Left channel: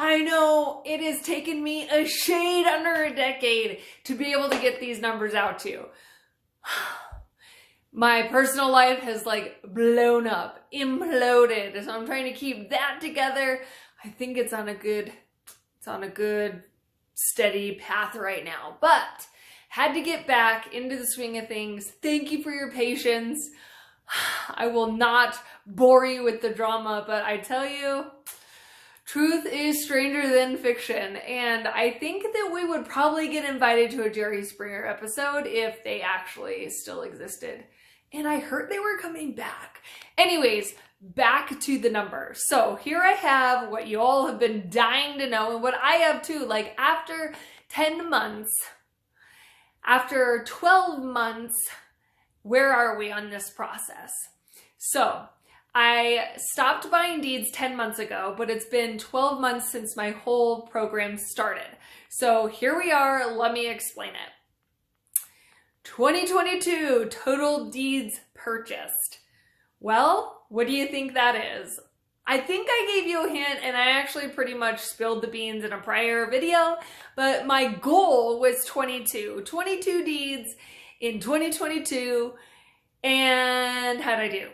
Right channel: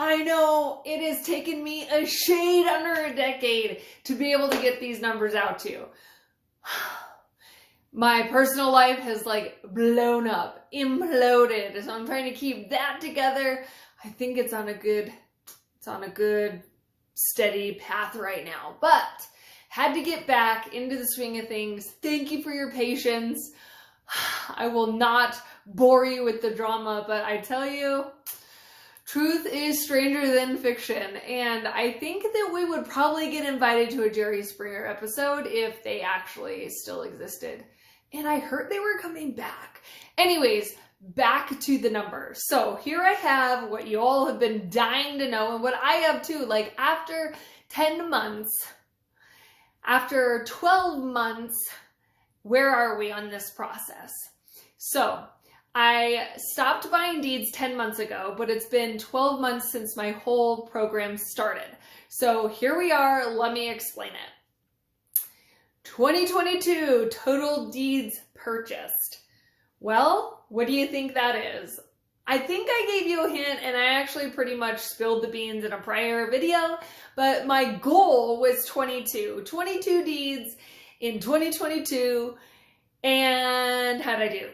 I know it has taken me a shade under a decade to be able to get these numbers out to you. My personal life has like blown up, imploded. So I'm trying to keep that together. I think it's on a good steady path right now, but had to get back into the swing of things. Thank you for your patience. I will not bore you with the drama, but I tell you, truth is stranger than fiction, and I think that we would probably get invited to a Jerry Springer episode if they actually still existed. And I heard they were coming back. Anyways, back to the numbers. So here I have what you all have been dying to know, and what I have too. Like after 10 months, after 12 months, where are we on this process? So I stopped buying deeds 10 months ago, but it's been 12 months since my whole program started. So here we are. Let me explain it. 2022 total deeds purchased. Well, what do you think that is? I think I gave you a hint, and I actually pretty much spilled the beans in a prior video, but my goal was 22 deeds in 2022. And how'd I do?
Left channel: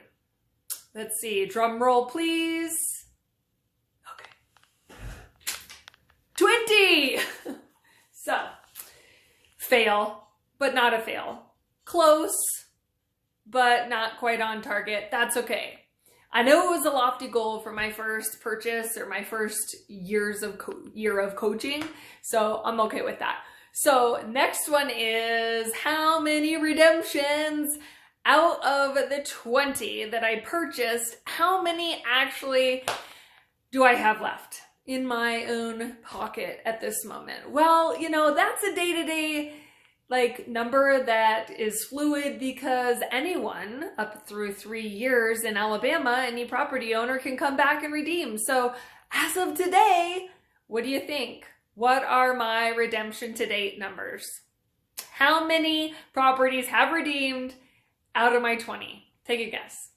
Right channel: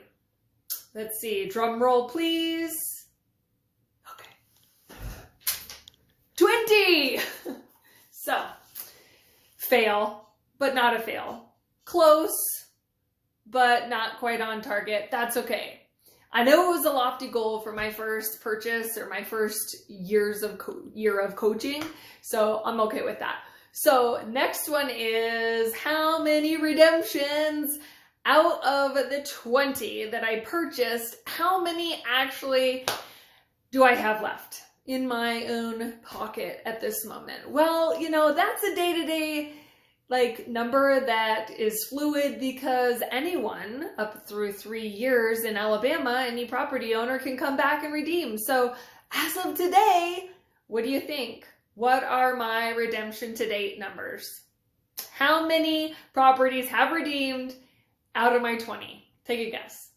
Let's see, drum roll please. Okay. 20! So, fail, but not a fail. Close, but not quite on target. That's okay. I know it was a lofty goal for my first purchase or my first year of coaching, so I'm okay with that. So next one is how many redemptions out of the 20 that I purchased, how many actually do I have left in my own pocket at this moment? Well, you know, that's a day-to-day number that is fluid, because anyone up through 3 years in Alabama, any property owner can come back and redeem. So as of today, what do you think? What are my redemption to date numbers? How many properties have redeemed out of my 20? Take a guess.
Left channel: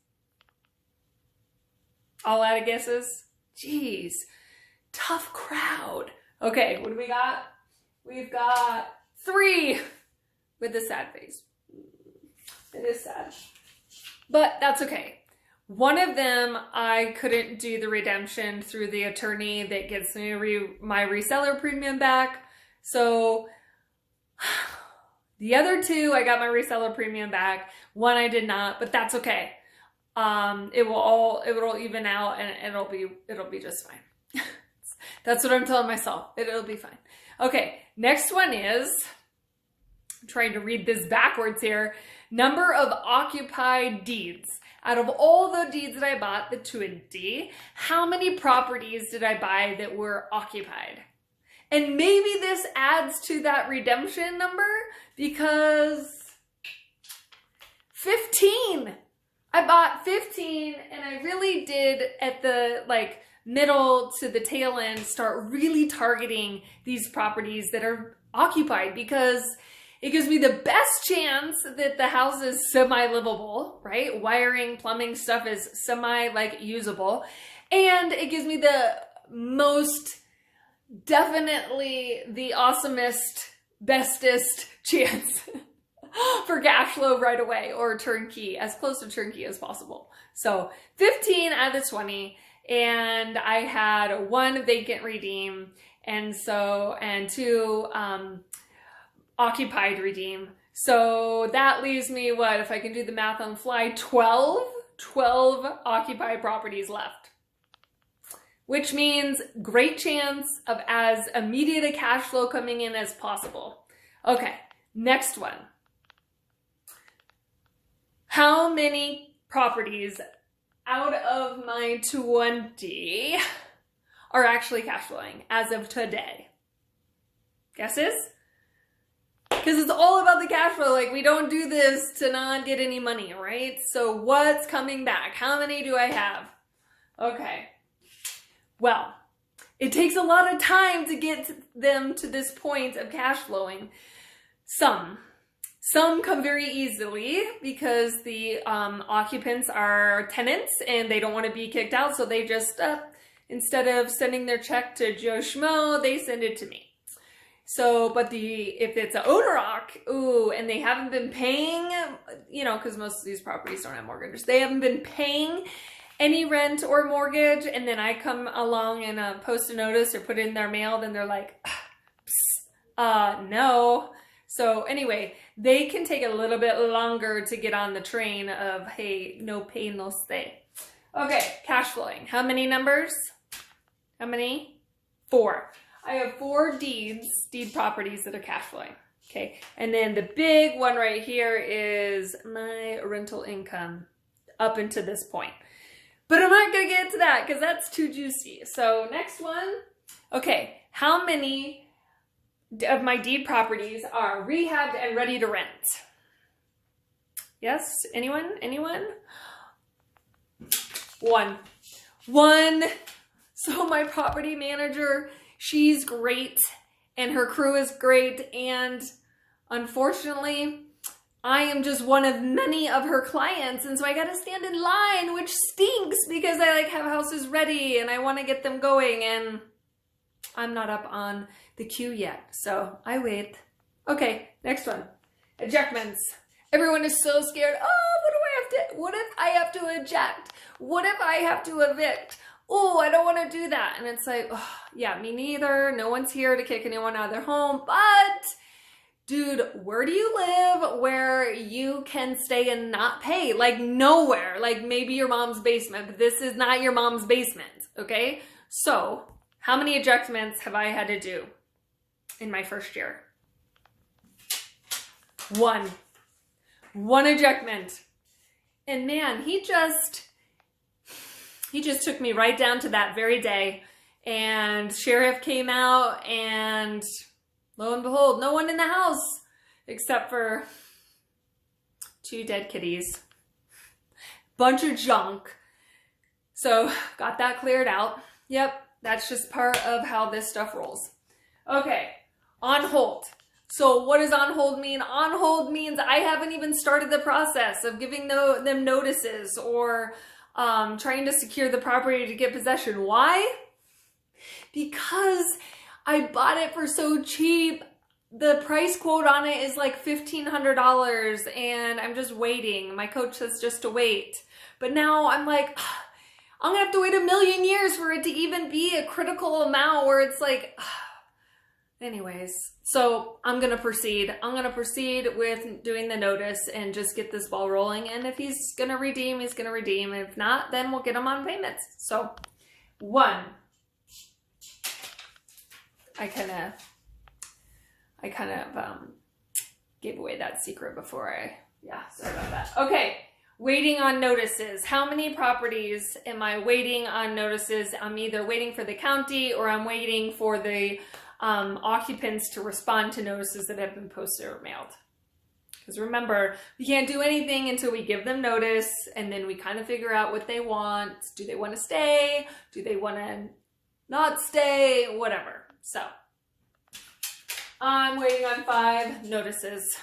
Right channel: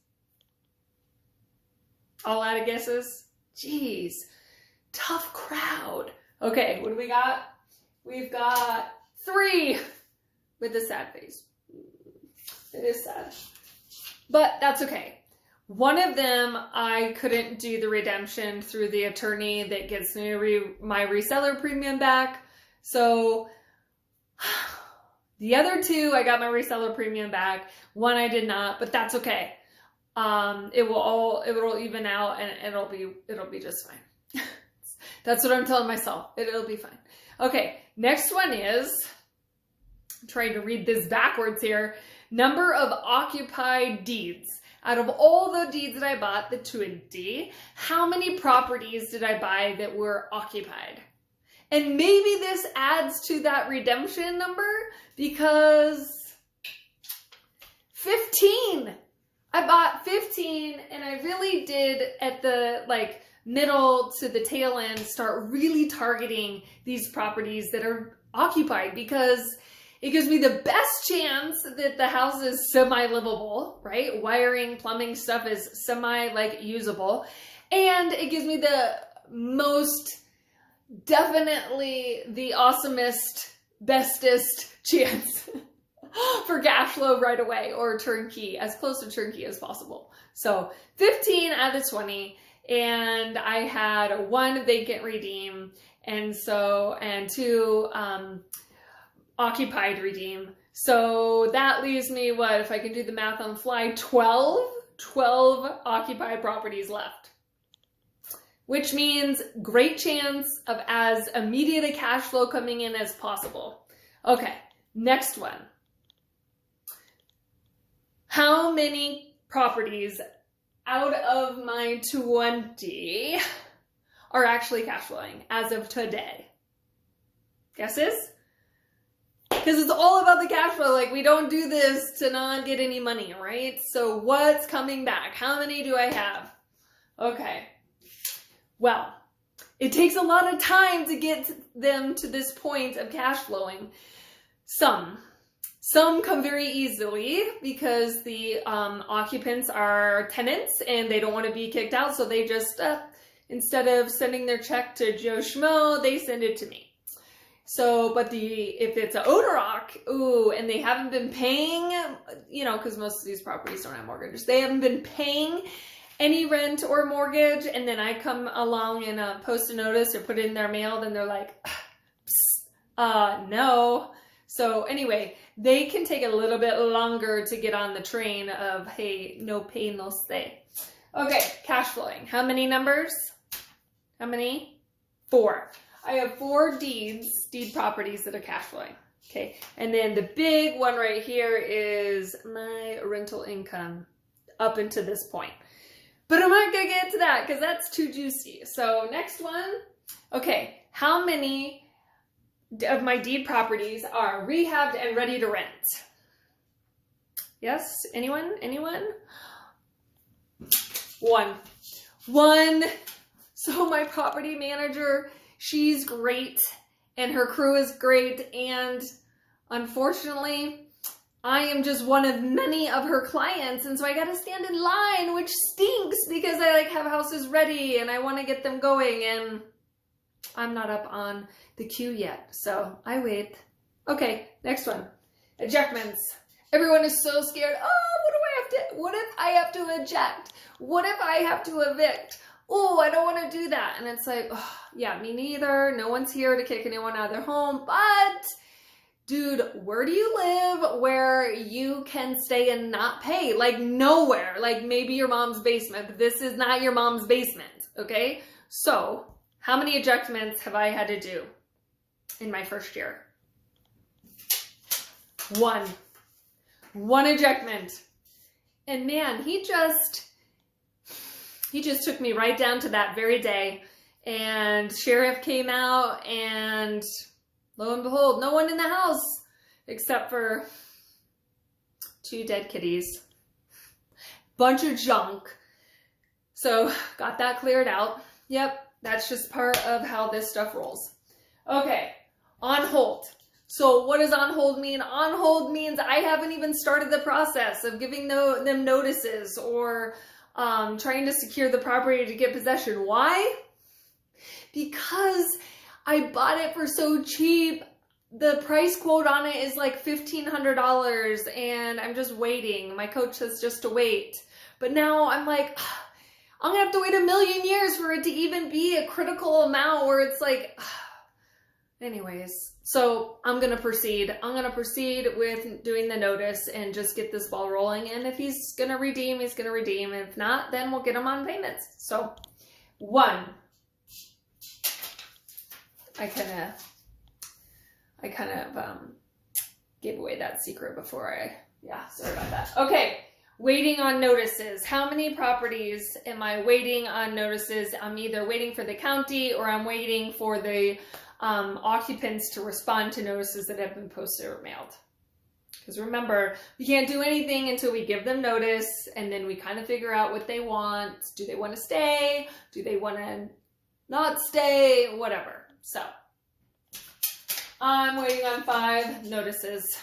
All out of guesses? Jeez, tough crowd. Okay, what do we got? We've got 3 with a sad face. It is sad, but that's okay. One of them, I couldn't do the redemption through the attorney that gets me my reseller premium back. So the other 2, I got my reseller premium back. One I did not, but that's okay. It will even out, and it'll be just fine. That's what I'm telling myself. It'll be fine. Okay, next one is, I'm trying to read this backwards here. Number of occupied deeds. Out of all the deeds that I bought, the 20, how many properties did I buy that were occupied? And maybe this adds to that redemption number, because 15. I bought 15, and I really did at the middle to the tail end start really targeting these properties that are occupied, because it gives me the best chance that the house is semi-livable, right? Wiring, plumbing stuff is usable. And it gives me the most, definitely the awesomest, bestest chance for cash flow right away, or turnkey, as close to turnkey as possible. So 15 out of the 20, and I had 1 vacant redeem, and 2 occupied redeem. So that leaves me, what, if I can do the math on the fly, 12 occupied properties left, which means great chance of as immediate a cash flow coming in as possible. Okay, next one. How many properties out of my 20 are actually cash flowing as of today? Guesses? Because it's all about the cash flow. We don't do this to not get any money, right? So what's coming back? How many do I have? Okay. Well, it takes a lot of time to get them to this point of cash flowing. Some come very easily because the occupants are tenants and they don't want to be kicked out. So they just Instead of sending their check to Joe Schmo, they send it to me. So, but if it's an owner-occ, ooh, and they haven't been paying, you know, because most of these properties don't have mortgages, they haven't been paying any rent or mortgage, and then I come along and post a notice or put it in their mail, then they're like, no. So anyway, they can take a little bit longer to get on the train of, hey, no pay, no stay. Okay, cash flowing. How many numbers? How many? 4. I have 4 deed properties that are cash flowing. Okay, and then the big one right here is my rental income up until this point. But I'm not gonna get to that because that's too juicy. So next one, okay, how many of my deed properties are rehabbed and ready to rent? Yes, anyone? 1. So my property manager, she's great and her crew is great, and unfortunately I am just one of many of her clients, and so I gotta stand in line, which stinks because I like have houses ready and I want to get them going, and I'm not up on the queue yet, so I wait. Okay, next one. Ejectments. Everyone is so scared. Oh, what if I have to eject? What if I have to evict? Oh, I don't want to do that. And it's like, oh, yeah, me neither. No one's here to kick anyone out of their home. But, dude, where do you live where you can stay and not pay? Like nowhere. Like maybe your mom's basement, but this is not your mom's basement, okay? So, how many ejectments have I had to do in my first year? 1. 1 ejectment. And man, he just took me right down to that very day, and sheriff came out, and lo and behold, no one in the house except for 2 dead kitties, bunch of junk. So got that cleared out. Yep, that's just part of how this stuff rolls. Okay, on hold. So what does on hold mean? On hold means I haven't even started the process of giving them notices or trying to secure the property to get possession. Why? Because I bought it for so cheap. The price quote on it is like $1,500, and I'm just waiting. My coach says just to wait. But now I'm like, I'm gonna have to wait a million years for it to even be a critical amount where it's like, anyways, so I'm going to proceed. I'm going to proceed with doing the notice and just get this ball rolling. And if he's going to redeem, he's going to redeem. If not, then we'll get him on payments. So 1. I kind of gave away that secret before sorry about that. Okay. Waiting on notices. How many properties am I waiting on notices? I'm either waiting for the county or I'm waiting for the occupants to respond to notices that have been posted or mailed. Because remember, we can't do anything until we give them notice, and then we kind of figure out what they want. Do they want to stay? Do they want to not stay? Whatever. So I'm waiting on 5 notices.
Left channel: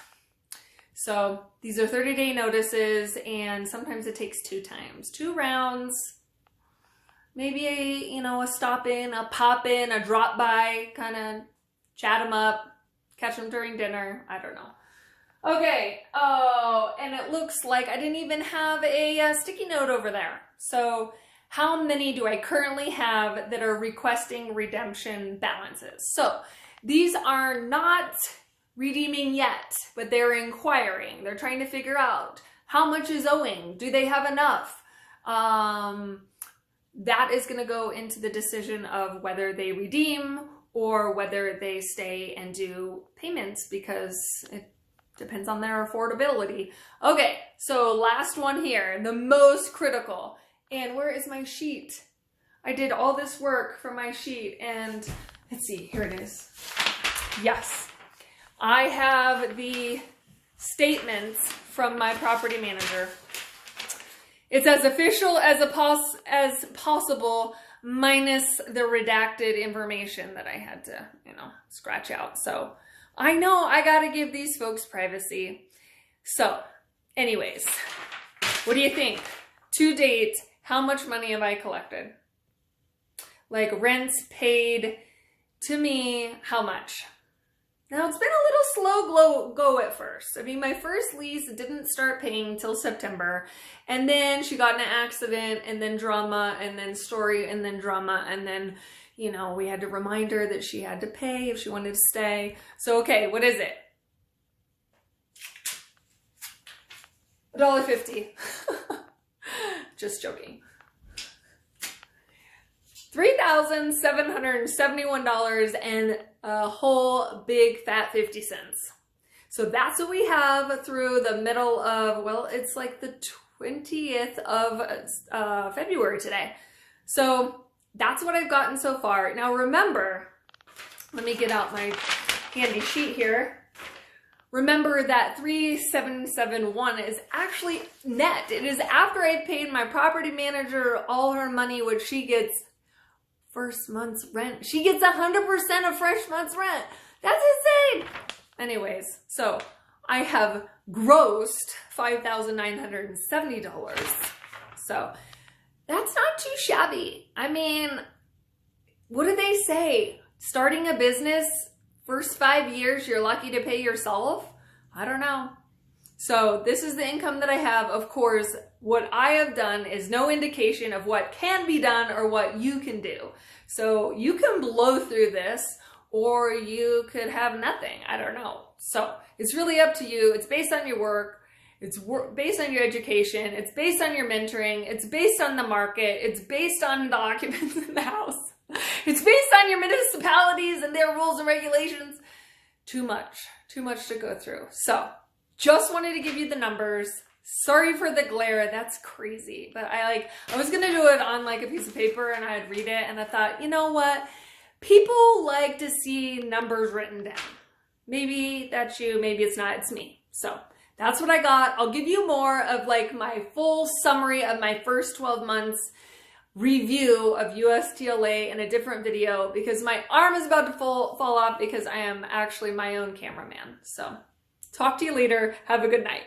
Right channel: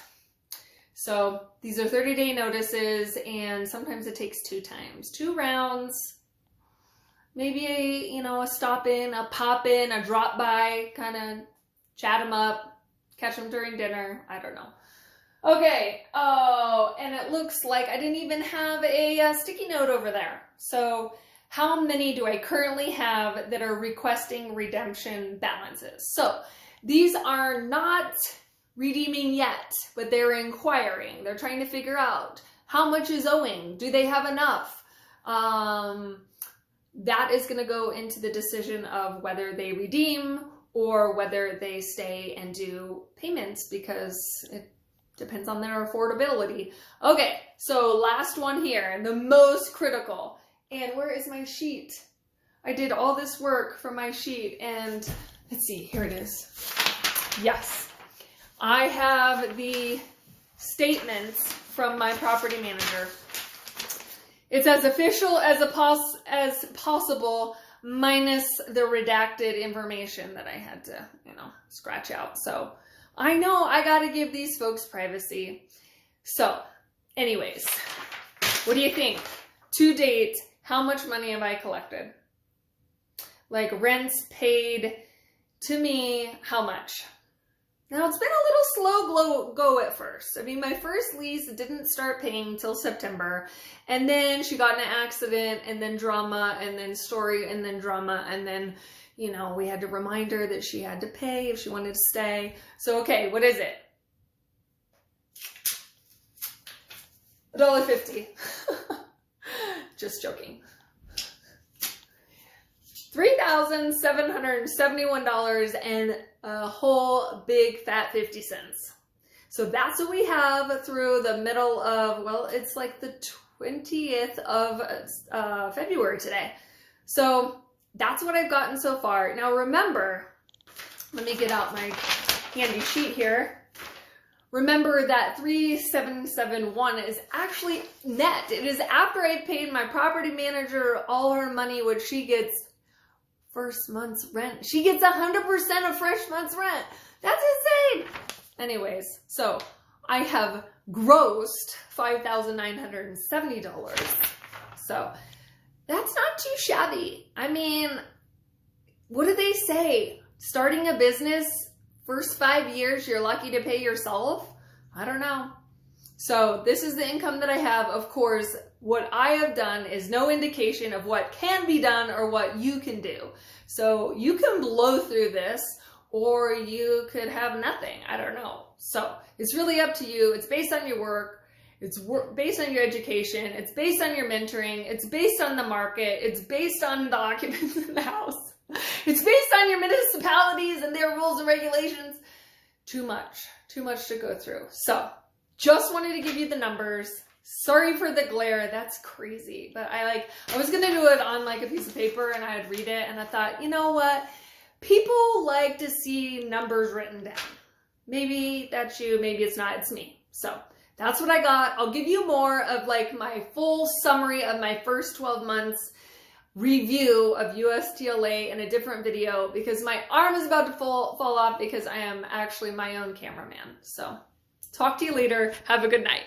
So these are 30-day notices, and sometimes it takes 2 times, 2 rounds. Maybe a stop in, a pop in, a drop by, kind of chat them up, catch them during dinner. I don't know. Okay. Oh, and it looks like I didn't even have a sticky note over there. So how many do I currently have that are requesting redemption balances? So these are not redeeming yet, but they're inquiring. They're trying to figure out how much is owing. Do they have enough? That is going to go into the decision of whether they redeem or whether they stay and do payments, because it depends on their affordability. Okay, so last one here, the most critical. And where is my sheet? I did all this work for my sheet, and let's see, here it is. Yes, I have the statements from my property manager. It's as official as possible, minus the redacted information that I had to, scratch out. So I know I got to give these folks privacy. So anyways, what do you think? To date, how much money have I collected? like rents paid to me, how much? Now, it's been a little slow go at first. I mean, my first lease didn't start paying till September, and then she got in an accident, and then drama, and then story, and then drama, and then, you know, we had to remind her that she had to pay if she wanted to stay. So, okay, what is it? $1.50. Just joking. $3,771 and a whole big fat 50 cents. So that's what we have through the middle of, well, it's like the 20th of February today. So that's what I've gotten so far. Now remember, let me get out my handy sheet here. Remember that 3,771 is actually net. It is after I paid my property manager all her money, which she gets first month's rent. She gets 100% of first month's rent. That's insane. Anyways, so I have grossed $5,970. So that's not too shabby. I mean, what do they say? Starting a business, first 5 years, you're lucky to pay yourself? I don't know. So this is the income that I have. Of course, what I have done is no indication of what can be done or what you can do. So you can blow through this or you could have nothing. I don't know. So it's really up to you. It's based on your work. It's based on your education. It's based on your mentoring. It's based on the market. It's based on the occupants in the house. It's based on your municipalities and their rules and regulations. Too much to go through. So just wanted to give you the numbers. Sorry for the glare. That's crazy. But I was going to do it on like a piece of paper and I'd read it. And I thought, you know what? People like to see numbers written down. Maybe that's you. Maybe it's not. It's me. So that's what I got. I'll give you more of like my full summary of my first 12 months review of USTLA in a different video because my arm is about to fall off because I am actually my own cameraman. So talk to you later. Have a good night.